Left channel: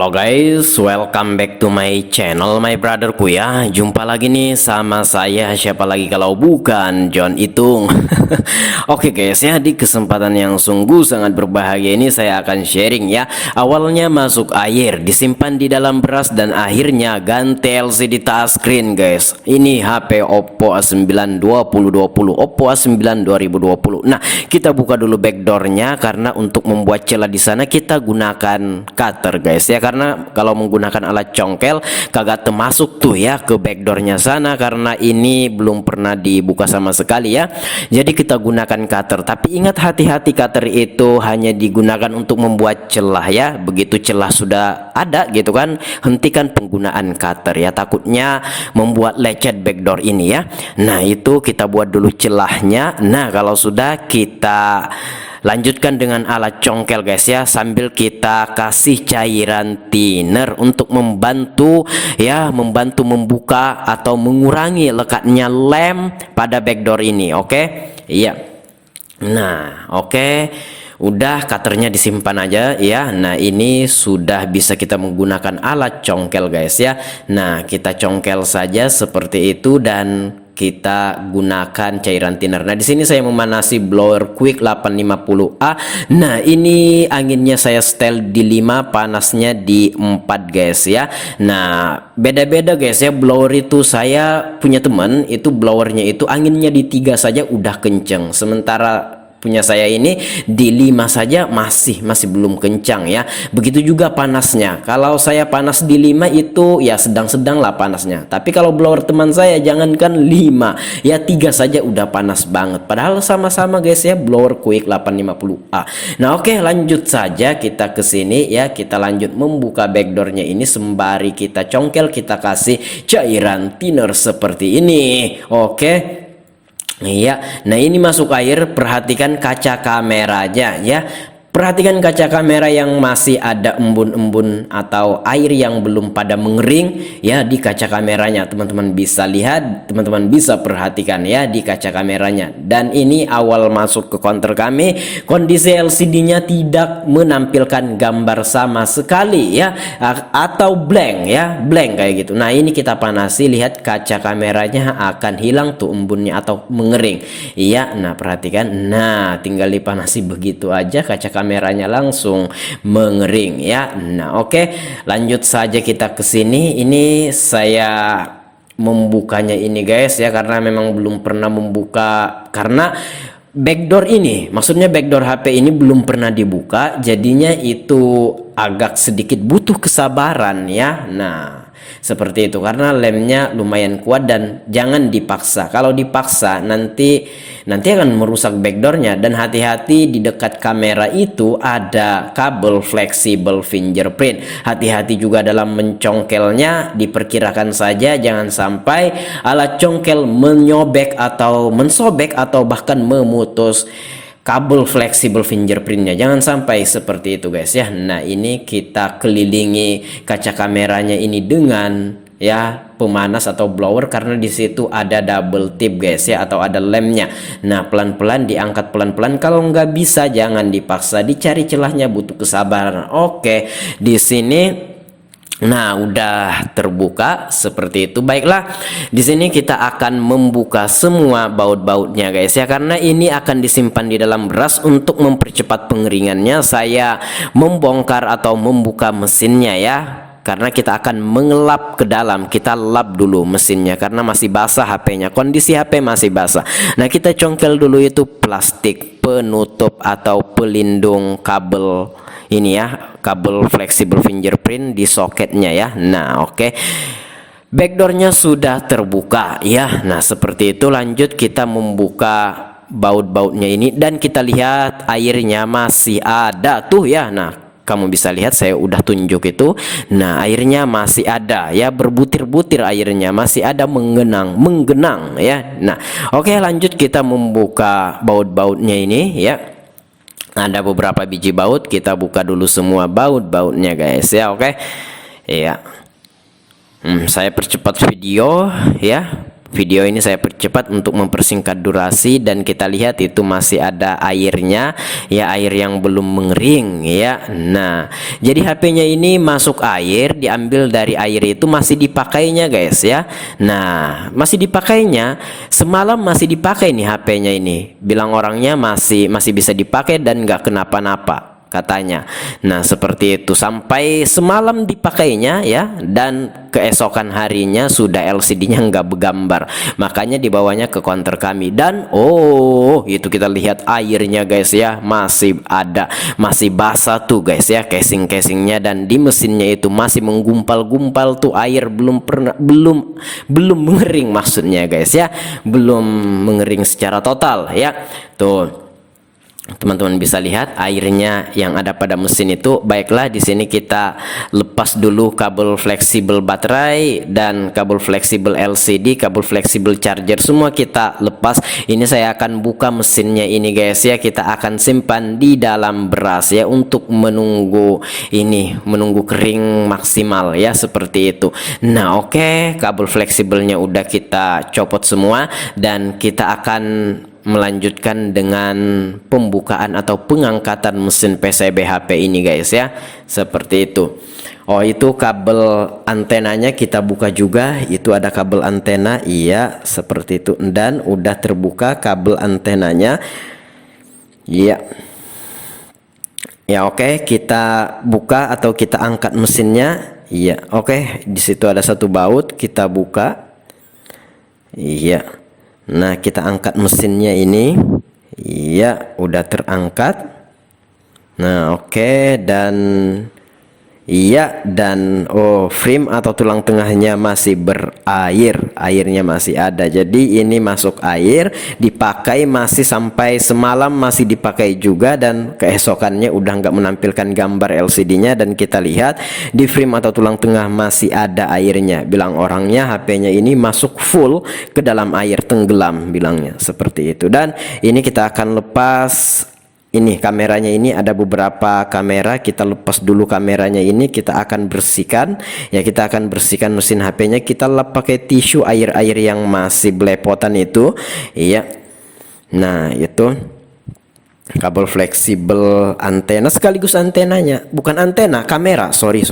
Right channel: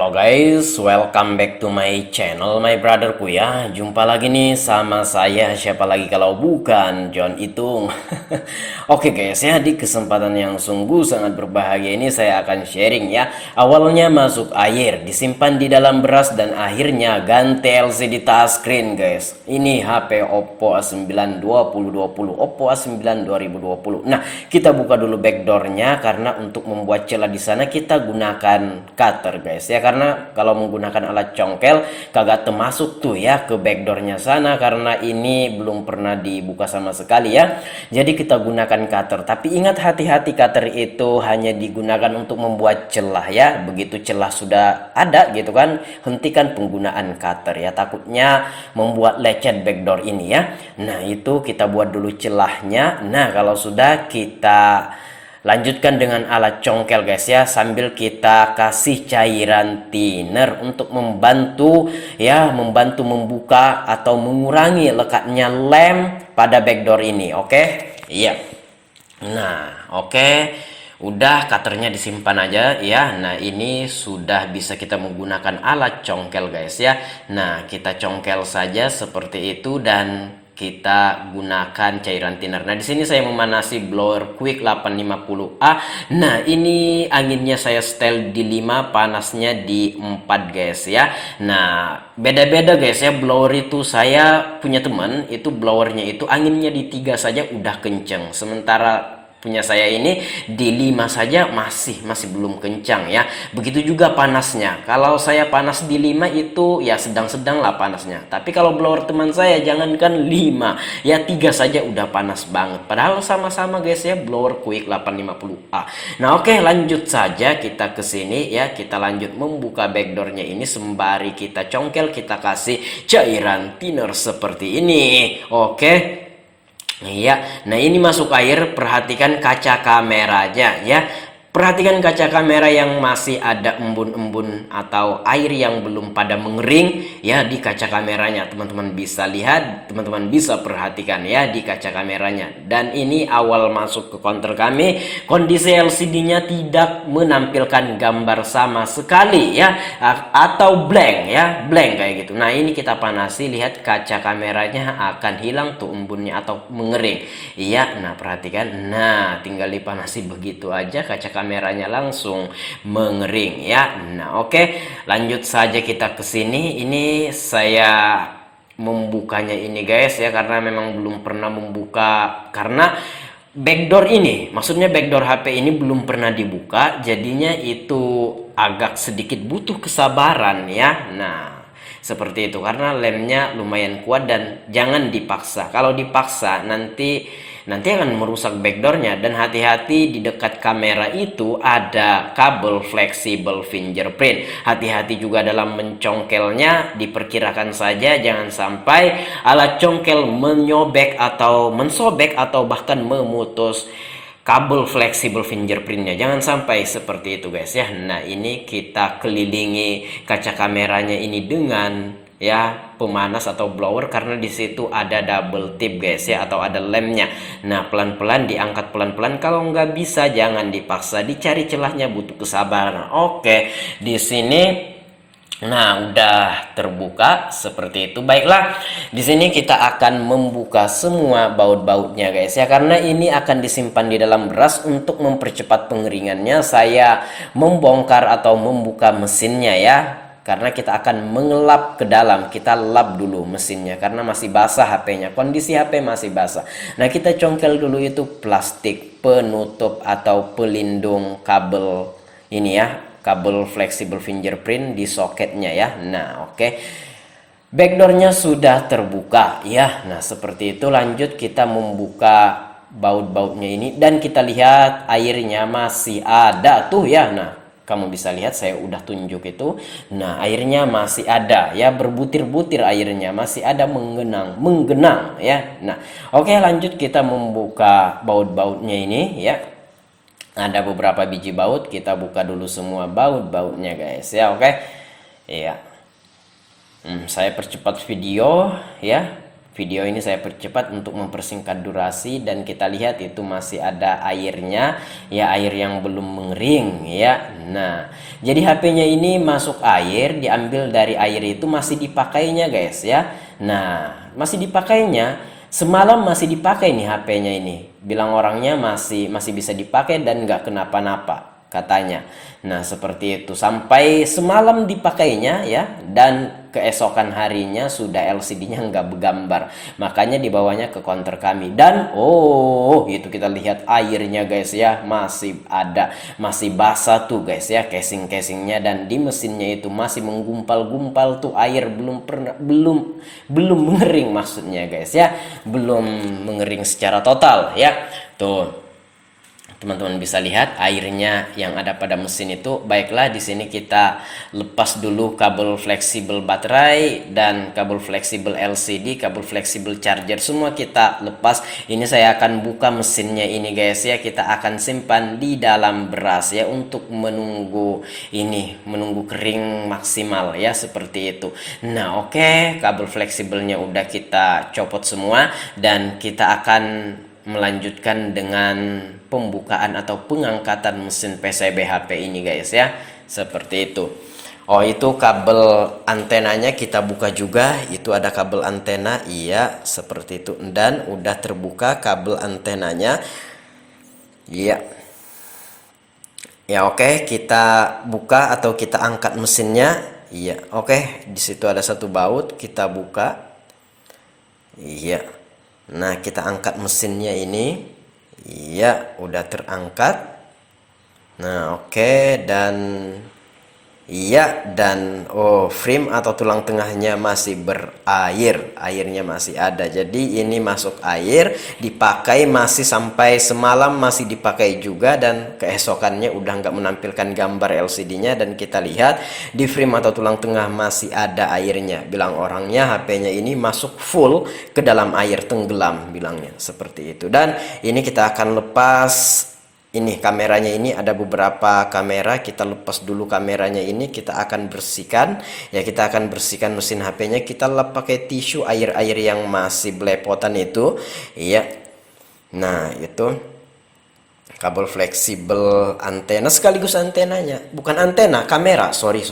Halo guys, welcome back to my channel, my brotherku ya. Jumpa lagi nih sama saya, siapa lagi kalau bukan John Itung. Oke guys ya, di kesempatan yang sungguh sangat berbahagia ini saya akan sharing ya. Awalnya masuk air, disimpan di dalam beras dan akhirnya ganti LCD touchscreen guys. Ini HP Oppo A9 2020, Oppo A9 2020. Nah, kita buka dulu backdoornya karena untuk membuat celah di sana kita gunakan cutter guys ya, karena kalau menggunakan alat congkel kagak termasuk tuh ya ke backdoornya sana karena ini belum pernah dibuka sama sekali ya. Jadi kita gunakan cutter, tapi ingat hati-hati, cutter itu hanya digunakan untuk membuat celah ya. Begitu celah sudah ada gitu kan, hentikan penggunaan cutter ya, takutnya membuat lecet backdoor ini ya. Nah itu kita buat dulu celahnya. Nah kalau sudah, kita lanjutkan dengan alat congkel guys ya, sambil kita kasih cairan thinner untuk membantu ya, membantu membuka atau mengurangi lekatnya lem pada backdoor ini. Oke? Iya. Nah, oke. Udah, cutternya disimpan aja ya. Nah ini sudah bisa kita menggunakan alat congkel guys ya. Nah kita congkel saja seperti itu dan kita gunakan cairan thinner. Nah di sini saya memanasi blower quick 850A. Nah ini anginnya saya setel di 5, panasnya di 4 guys ya. Nah beda-beda guys ya, blower itu saya punya teman itu blowernya itu anginnya di 3 saja udah kenceng, sementara punya saya ini di 5 saja masih belum kencang ya. Begitu juga panasnya, kalau saya panas di 5 itu ya sedang-sedang lah panasnya, tapi kalau blower teman saya jangankan 5 ya, 3 saja udah panas banget, padahal sama-sama guys ya blower quick 850A. Nah oke, lanjut saja kita ke sini ya, kita lanjut membuka backdoornya ini sembari kita congkel, kita kasih cairan thinner seperti ini. Oke. Iya, nah ini masuk air, perhatikan kaca kameranya ya. Perhatikan kaca kamera yang masih ada embun-embun atau air yang belum pada mengering ya di kaca kameranya. Teman-teman bisa lihat, teman-teman bisa perhatikan ya di kaca kameranya. Dan ini awal masuk ke counter kami, kondisi LCD-nya tidak menampilkan gambar sama sekali ya, atau blank ya, blank kayak gitu. Nah ini kita panasi, lihat kaca kameranya akan hilang tuh embunnya atau mengering. Iya, nah perhatikan, nah tinggal dipanasi begitu aja kaca kameranya langsung mengering ya. Nah oke, lanjut saja kita ke sini. Ini saya membukanya ini guys ya, karena memang belum pernah membuka, karena backdoor ini, maksudnya backdoor HP ini belum pernah dibuka, jadinya itu agak sedikit butuh kesabaran ya. Nah seperti itu, karena lemnya lumayan kuat dan jangan dipaksa. Kalau dipaksa nanti akan merusak backdoornya. Dan hati-hati, di dekat kamera itu ada kabel fleksibel fingerprint. Hati-hati juga dalam mencongkelnya, diperkirakan saja jangan sampai alat congkel menyobek atau mensobek atau bahkan memutus kabel fleksibel fingerprintnya, jangan sampai seperti itu guys ya. Nah ini kita kelilingi kaca kameranya ini dengan ya pemanas atau blower, karena di situ ada double tip guys ya, atau ada lemnya. Nah pelan-pelan diangkat, pelan-pelan, kalau nggak bisa jangan dipaksa, dicari celahnya, butuh kesabaran. Oke, di sini nah udah terbuka seperti itu. Baiklah, di sini kita akan membuka semua baut-bautnya guys ya, karena ini akan disimpan di dalam beras. Untuk mempercepat pengeringannya saya membongkar atau membuka mesinnya ya, karena kita akan mengelap ke dalam. Kita lap dulu mesinnya karena masih basah HP-nya, kondisi HP masih basah. Nah kita congkel dulu itu plastik penutup atau pelindung kabel ini ya, kabel fleksibel fingerprint di soketnya ya. Nah oke, backdoornya sudah terbuka ya. Nah seperti itu, lanjut kita membuka baut-bautnya ini dan kita lihat airnya masih ada tuh ya. Nah kamu bisa lihat, saya udah tunjuk itu. Nah airnya masih ada ya, berbutir-butir airnya masih ada, menggenang ya. Nah oke, lanjut kita membuka baut-bautnya ini ya. Ada beberapa biji baut, kita buka dulu semua baut-bautnya guys ya. Oke ya, saya percepat video ya. video ini saya percepat untuk mempersingkat durasi, dan kita lihat itu masih ada airnya ya, air yang belum mengering ya. Nah, jadi HP-nya ini masuk air, diambil dari air itu masih dipakainya guys ya. Nah, masih dipakainya, semalam masih dipakai nih HP-nya ini. Bilang orangnya masih bisa dipakai dan nggak kenapa-napa katanya. Nah, seperti itu sampai semalam dipakainya ya, dan keesokan harinya sudah LCD-nya nggak bergambar. Makanya dibawanya ke counter kami, dan oh itu kita lihat airnya guys ya, masih ada, masih basah tuh guys ya casing-casingnya, dan di mesinnya itu masih menggumpal-gumpal tuh air, belum mengering maksudnya guys ya, belum mengering secara total ya. Tuh teman-teman bisa lihat airnya yang ada pada mesin itu. Baiklah, di sini kita lepas dulu kabel fleksibel baterai dan kabel fleksibel LCD, kabel fleksibel charger, semua kita lepas. Ini saya akan buka mesinnya ini guys ya, kita akan simpan di dalam beras ya untuk menunggu kering maksimal ya, seperti itu. Nah, oke, kabel fleksibelnya udah kita copot semua, dan kita akan melanjutkan dengan pembukaan atau pengangkatan mesin PCB HP ini guys ya, seperti itu. Oh, itu kabel antenanya kita buka juga, itu ada kabel antena, iya seperti itu, dan udah terbuka kabel antenanya. Iya ya, oke, kita buka atau kita angkat mesinnya. Iya, oke, di situ ada satu baut, kita buka. Iya. Nah, kita angkat mesinnya ini. Iya, udah terangkat. Nah, oke, dan iya, dan oh, frame atau tulang tengahnya masih berair, airnya masih ada. Jadi ini masuk air, dipakai masih sampai semalam masih dipakai juga, dan keesokannya udah nggak menampilkan gambar LCD-nya, dan kita lihat di frame atau tulang tengah masih ada airnya. Bilang orangnya HP-nya ini masuk full ke dalam air, tenggelam bilangnya, seperti itu. Dan ini kita akan lepas. Ini kameranya, ini ada beberapa kamera, kita lepas dulu kameranya ini, kita akan bersihkan ya, kita akan bersihkan mesin HP-nya, kita lap pakai tisu air-air yang masih belepotan itu. Iya. Nah, itu kabel fleksibel antena sekaligus antenanya, bukan antena, kamera, sorry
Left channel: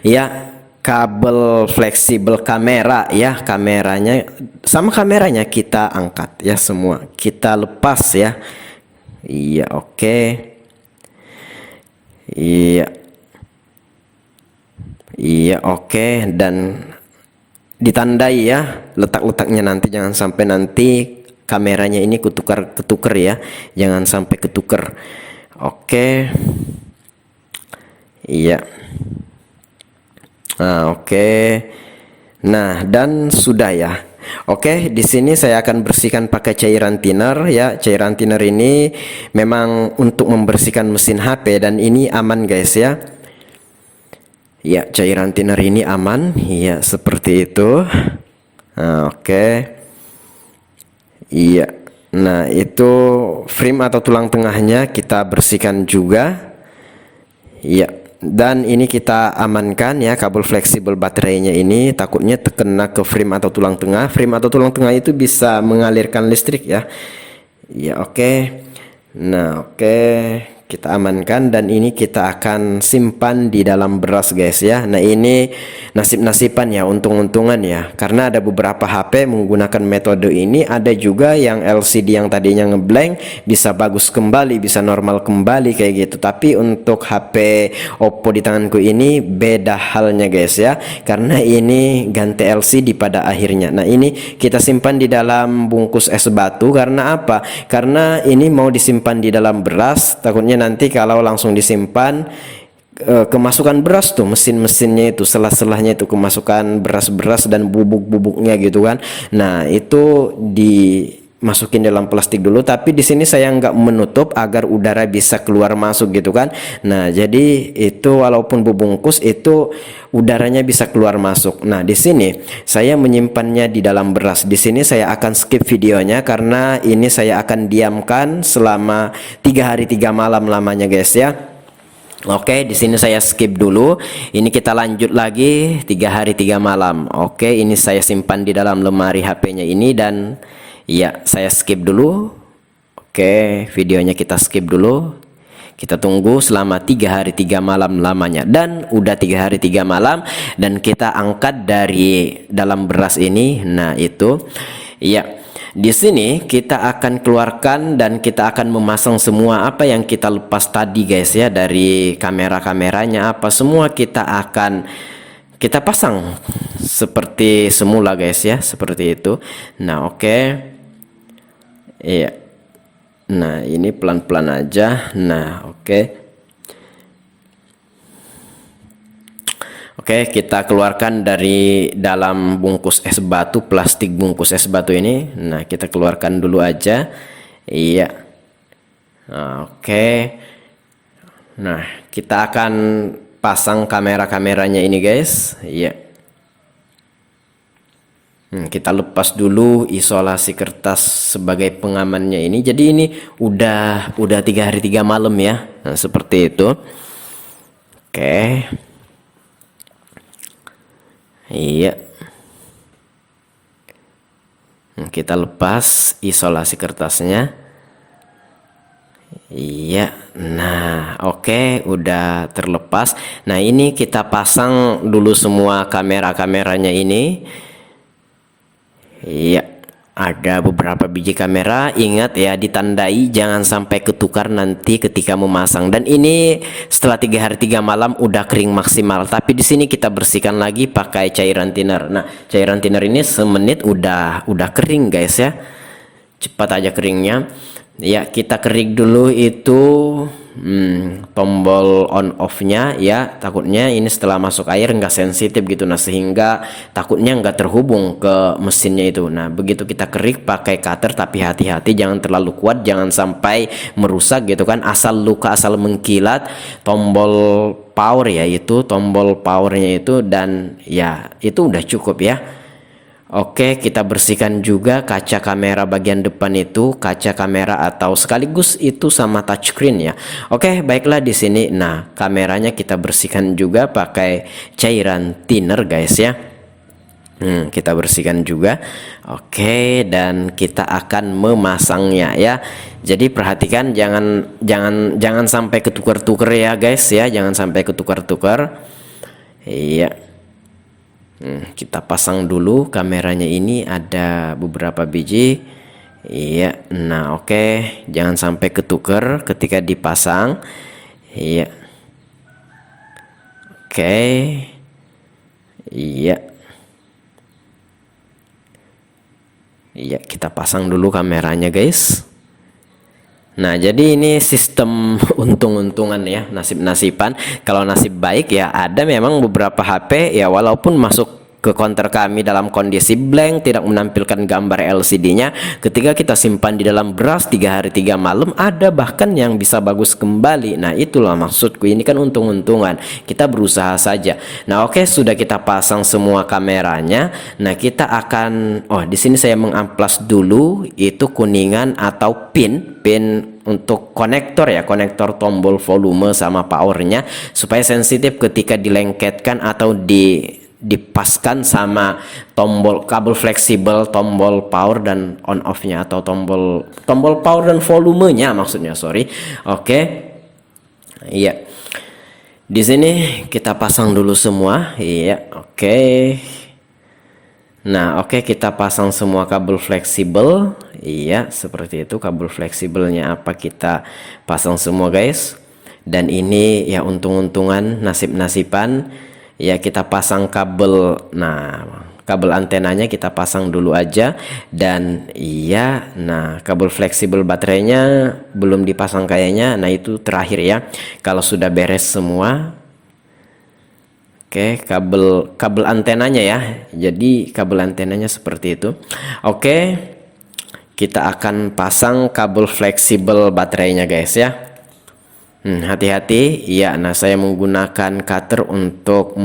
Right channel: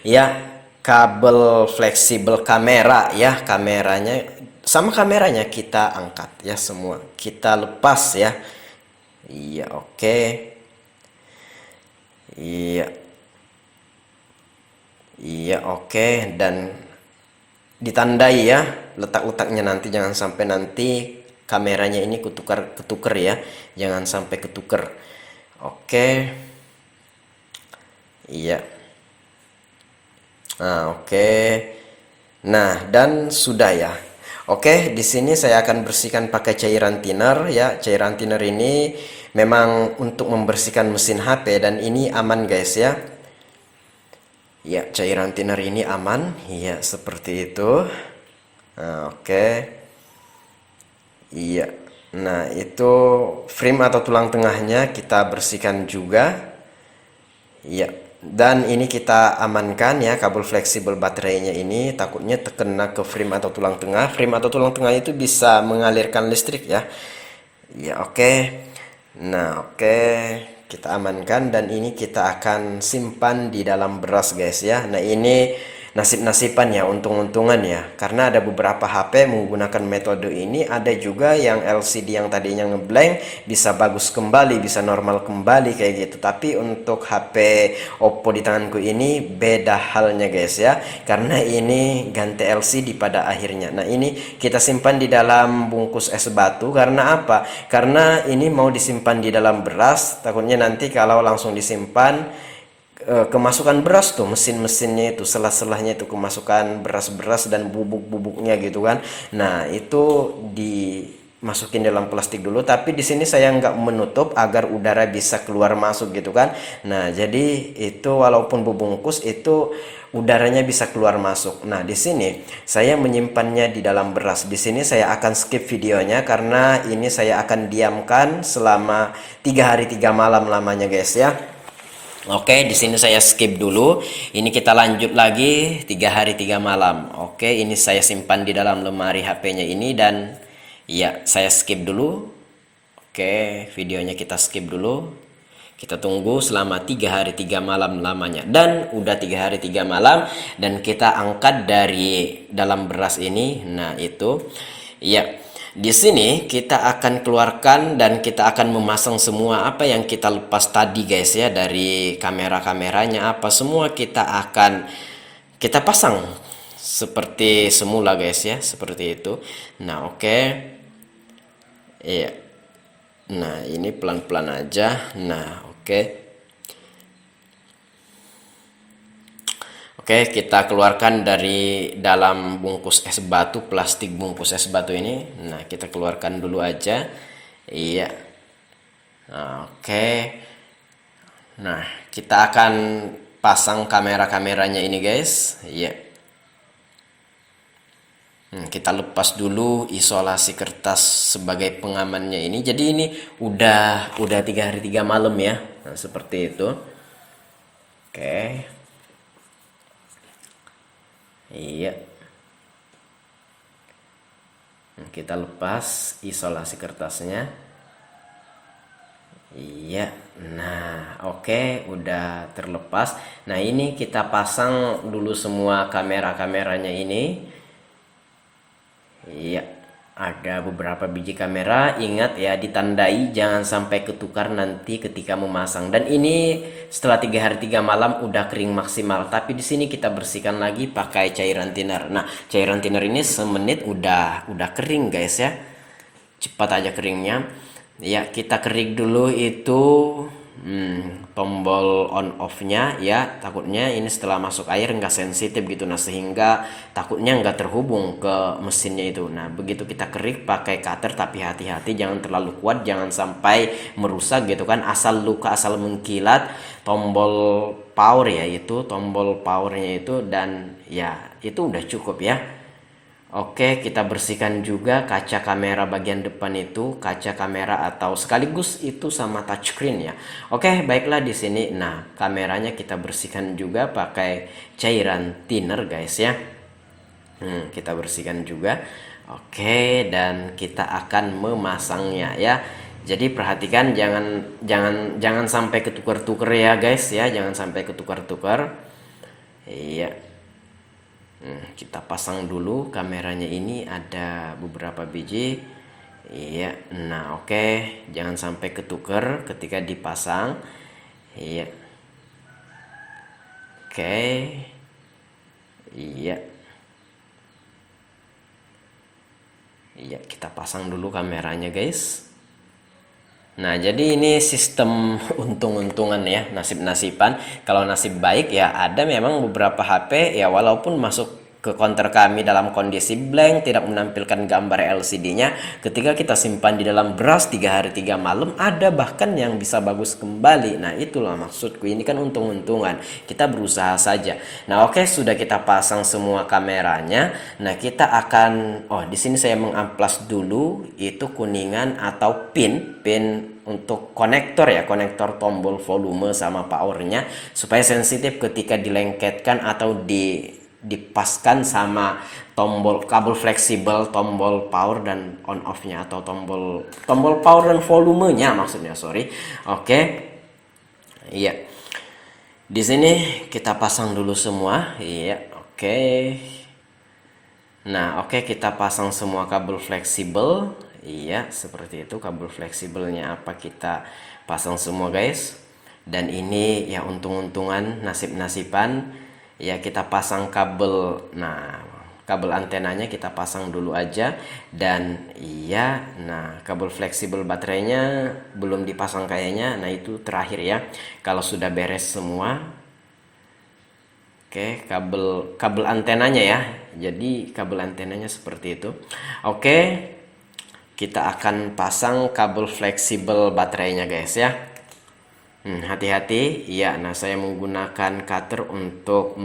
ya, kabel fleksibel kamera ya, kameranya sama kameranya kita angkat ya, semua kita lepas ya. Iya, oke. Iya, oke, dan ditandai ya letak-letaknya, nanti jangan sampai nanti kameranya ini ketukar ya, jangan sampai ketukar. Oke. Iya. Nah, oke. Nah, dan sudah ya. Oke, di sini saya akan bersihkan pakai cairan thinner ya. Cairan thinner ini memang untuk membersihkan mesin HP, dan ini aman guys ya. Ya, cairan thinner ini aman ya, seperti itu. Nah, oke. Iya. Nah, itu frame atau tulang tengahnya kita bersihkan juga. Iya. Dan ini kita amankan ya, kabel fleksibel baterainya ini takutnya terkena ke frame atau tulang tengah. Frame atau tulang tengah itu bisa mengalirkan listrik ya. Ya, oke. Nah, oke, kita amankan, dan ini kita akan simpan di dalam beras guys ya. Nah, ini nasib-nasiban ya, untung-untungan ya, karena ada beberapa HP menggunakan metode ini. Ada juga yang LCD yang tadinya ngeblank bisa bagus kembali, bisa normal kembali kayak gitu. Tapi untuk HP Oppo di tanganku ini beda halnya guys ya, karena ini ganti LCD pada akhirnya. Nah, ini kita simpan di dalam bungkus es batu. Karena apa? Karena ini mau disimpan di dalam beras, takutnya nanti kalau langsung disimpan kemasukan beras tuh, mesin-mesinnya itu, selah-selahnya itu kemasukan beras-beras dan bubuk-bubuknya gitu kan. Nah, itu dimasukin dalam plastik dulu, tapi di sini saya nggak menutup agar udara bisa keluar masuk gitu kan. Nah, jadi itu walaupun bungkus itu udaranya bisa keluar masuk. Nah, di sini saya menyimpannya di dalam beras. Di sini saya akan skip videonya karena ini saya akan diamkan selama 3 hari 3 malam lamanya guys ya. Oke, di sini saya skip dulu. Ini kita lanjut lagi 3 hari 3 malam. Oke, ini saya simpan di dalam lemari HP-nya ini dan ya saya skip dulu. Oke, videonya kita skip dulu. Kita tunggu selama 3 hari 3 malam lamanya dan udah 3 hari 3 malam dan kita angkat dari dalam beras ini. Nah, itu ya. Di sini kita akan keluarkan dan kita akan memasang semua apa yang kita lepas tadi guys ya, dari kamera-kameranya apa semua kita pasang seperti semula guys ya, seperti itu. Nah, oke. Iya. Nah, ini pelan-pelan aja. Nah, oke. Oke, kita keluarkan dari dalam bungkus es batu, plastik bungkus es batu ini. Nah, kita keluarkan dulu aja. Iya. Oke. Nah, kita akan pasang kamera-kameranya ini, guys. Iya. Kita lepas dulu isolasi kertas sebagai pengamannya ini. Jadi ini udah 3 hari 3 malam ya. Nah, seperti itu. Oke. Iya. Kita lepas isolasi kertasnya. Iya. Nah, oke, udah terlepas. Nah, ini kita pasang dulu semua kamera-kameranya ini. Iya. Ada beberapa biji kamera, ingat ya, ditandai jangan sampai ketukar nanti ketika memasang. Dan ini setelah 3 hari 3 malam udah kering maksimal. Tapi di sini kita bersihkan lagi pakai cairan thinner. Nah, cairan thinner ini semenit udah kering guys ya. Cepat aja keringnya. Ya, kita kerik dulu itu tombol on off-nya ya. Takutnya ini setelah masuk air nggak sensitif gitu. Nah, sehingga takutnya nggak terhubung ke mesinnya itu. Nah, begitu kita kerik pakai cutter, tapi hati-hati jangan terlalu kuat, jangan sampai merusak gitu kan. Asal luka, asal mengkilat. Tombol power ya, itu tombol powernya itu, dan ya itu udah cukup ya. Oke, kita bersihkan juga kaca kamera bagian depan itu, kaca kamera atau sekaligus itu sama touchscreen ya. Oke, baiklah di sini. Nah, kameranya kita bersihkan juga pakai cairan thinner guys ya. Kita bersihkan juga. Oke, dan kita akan memasangnya ya. Jadi perhatikan jangan sampai ketukar-tukar ya guys ya, jangan sampai ketukar-tukar. Iya. Kita pasang dulu kameranya ini, ada beberapa biji. Iya. Nah, oke, jangan sampai ketuker ketika dipasang. Iya. Oke. Iya. Iya, kita pasang dulu kameranya guys. Nah, jadi ini sistem untung-untungan ya, nasib-nasiban. Kalau nasib baik ya ada memang beberapa HP ya, walaupun masuk ke konter kami dalam kondisi blank, tidak menampilkan gambar LCD-nya, ketika kita simpan di dalam beras 3 hari 3 malam, ada bahkan yang bisa bagus kembali. Nah, itulah maksudku, ini kan untung-untungan, kita berusaha saja. Nah, oke, sudah kita pasang semua kameranya. Nah, kita akan, di sini saya mengamplas dulu itu kuningan atau pin untuk konektor ya, konektor tombol volume sama powernya, supaya sensitif ketika dilengketkan atau dipaskan sama tombol kabel fleksibel, tombol power dan on off nya, atau tombol power dan volumenya maksudnya, sorry. Oke. Iya. Di sini kita pasang dulu semua. Iya, oke. Nah, oke, kita pasang semua kabel fleksibel. Iya, seperti itu. Kabel fleksibelnya apa kita pasang semua guys. Dan ini ya untung-untungan, nasib-nasiban. Ya, kita pasang kabel. Nah, kabel antenanya kita pasang dulu aja. Dan iya, nah kabel fleksibel baterainya belum dipasang kayaknya. Nah, itu terakhir ya, kalau sudah beres semua. Oke, kabel antenanya ya. Jadi kabel antenanya seperti itu. Oke, kita akan pasang kabel fleksibel baterainya guys ya. Hati-hati ya. Nah, saya menggunakan cutter untuk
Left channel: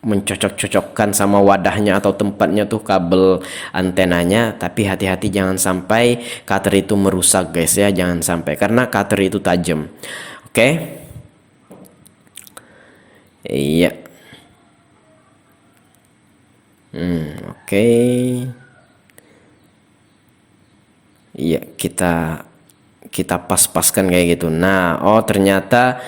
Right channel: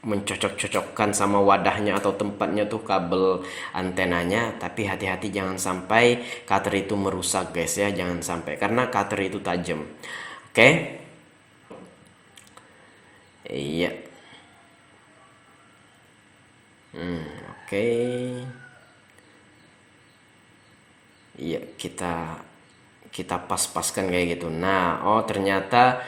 mencocok-cocokkan sama wadahnya atau tempatnya tuh kabel antenanya. Tapi hati-hati jangan sampai cutter itu merusak guys ya, jangan sampai, karena cutter itu tajam. Oke. Iya. Oke. Iya, kita kita pas-paskan kayak gitu. Nah, oh ternyata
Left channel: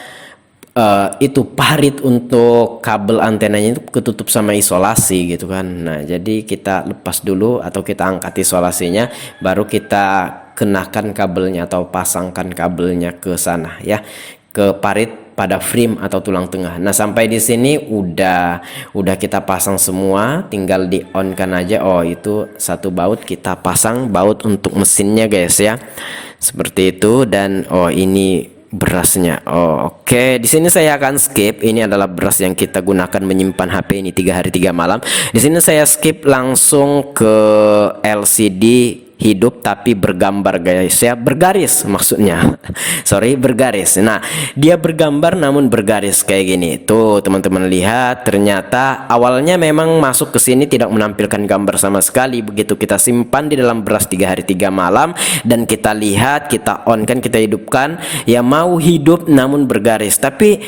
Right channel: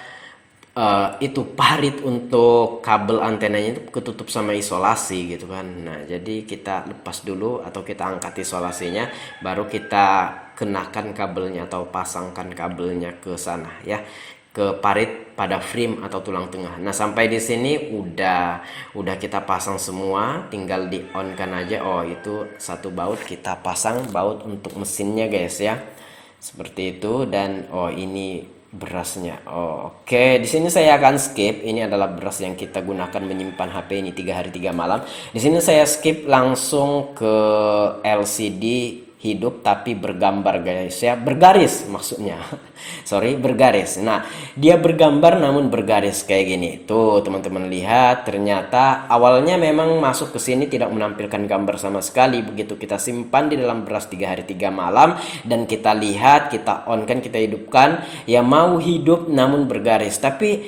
itu parit untuk kabel antenanya itu ketutup sama isolasi gitu kan. Nah, jadi kita lepas dulu atau kita angkat isolasinya, baru kita kenakan kabelnya atau pasangkan kabelnya ke sana ya, ke parit pada frame atau tulang tengah. Nah, sampai di sini udah kita pasang semua, tinggal di on kan aja. Oh, itu satu baut kita pasang, baut untuk mesinnya guys ya. Seperti itu. Dan oh ini berasnya. Oh, oke. Di sini saya akan skip. Ini adalah beras yang kita gunakan menyimpan HP ini 3 hari 3 malam. Di sini saya skip langsung ke LCD hidup tapi bergambar guys ya, bergaris maksudnya. Sorry, bergaris. Nah, dia bergambar namun bergaris kayak gini. Tuh, teman-teman lihat, ternyata awalnya memang masuk ke sini tidak menampilkan gambar sama sekali. Begitu kita simpan di dalam beras 3 hari 3 malam dan kita lihat, kita on kan, kita hidupkan, ya mau hidup namun bergaris. Tapi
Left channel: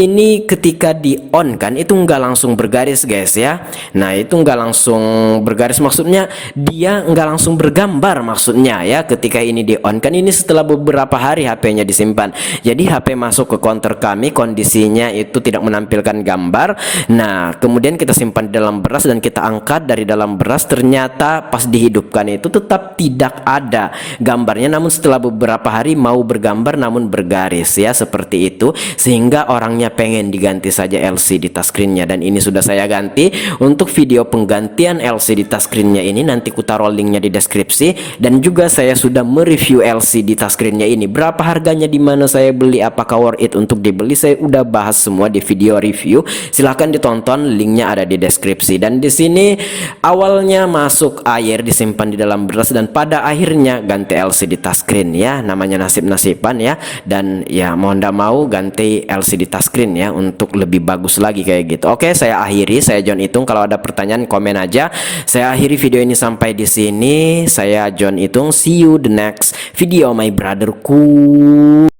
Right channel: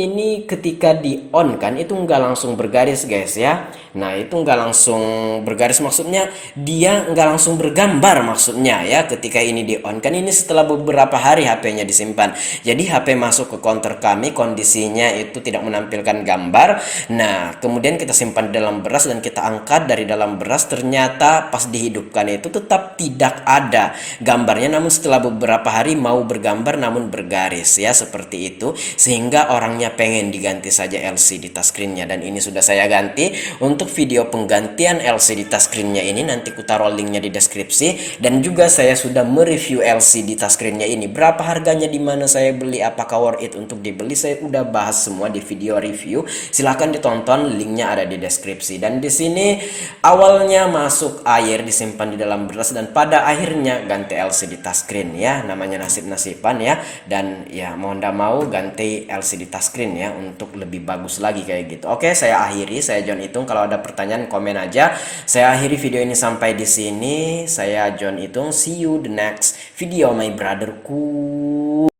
ini ketika di on kan itu nggak langsung bergaris guys ya. Nah, itu nggak langsung bergaris, maksudnya dia nggak langsung bergambar maksudnya ya. Ketika ini di on kan, ini setelah beberapa hari HP-nya disimpan. Jadi HP masuk ke counter kami, kondisinya itu tidak menampilkan gambar. Nah, kemudian kita simpan di dalam beras dan kita angkat dari dalam beras, ternyata pas dihidupkan itu tetap tidak ada gambarnya, namun setelah beberapa hari mau bergambar namun bergaris ya, seperti itu. Sehingga orangnya pengen diganti saja LCD touchscreen-nya, dan ini sudah saya ganti. Untuk video penggantian LCD touchscreen-nya ini nanti ku taruh linknya di deskripsi, dan juga saya sudah mereview LCD touchscreen-nya ini, berapa harganya, di mana saya beli, apakah worth it untuk dibeli, saya udah bahas semua di video review. Silahkan ditonton, linknya ada di deskripsi. Dan di sini awalnya masuk air disimpan di dalam beras dan pada akhirnya ganti LCD touchscreen ya, namanya nasib-nasiban ya. Dan ya mau ndak mau ganti LCD touchscreen ya untuk lebih bagus lagi kayak gitu. Oke, saya akhiri, saya John Itung. Kalau ada pertanyaan komen aja. Saya akhiri video ini sampai di sini. Saya John Itung. See you the next video my brotherku.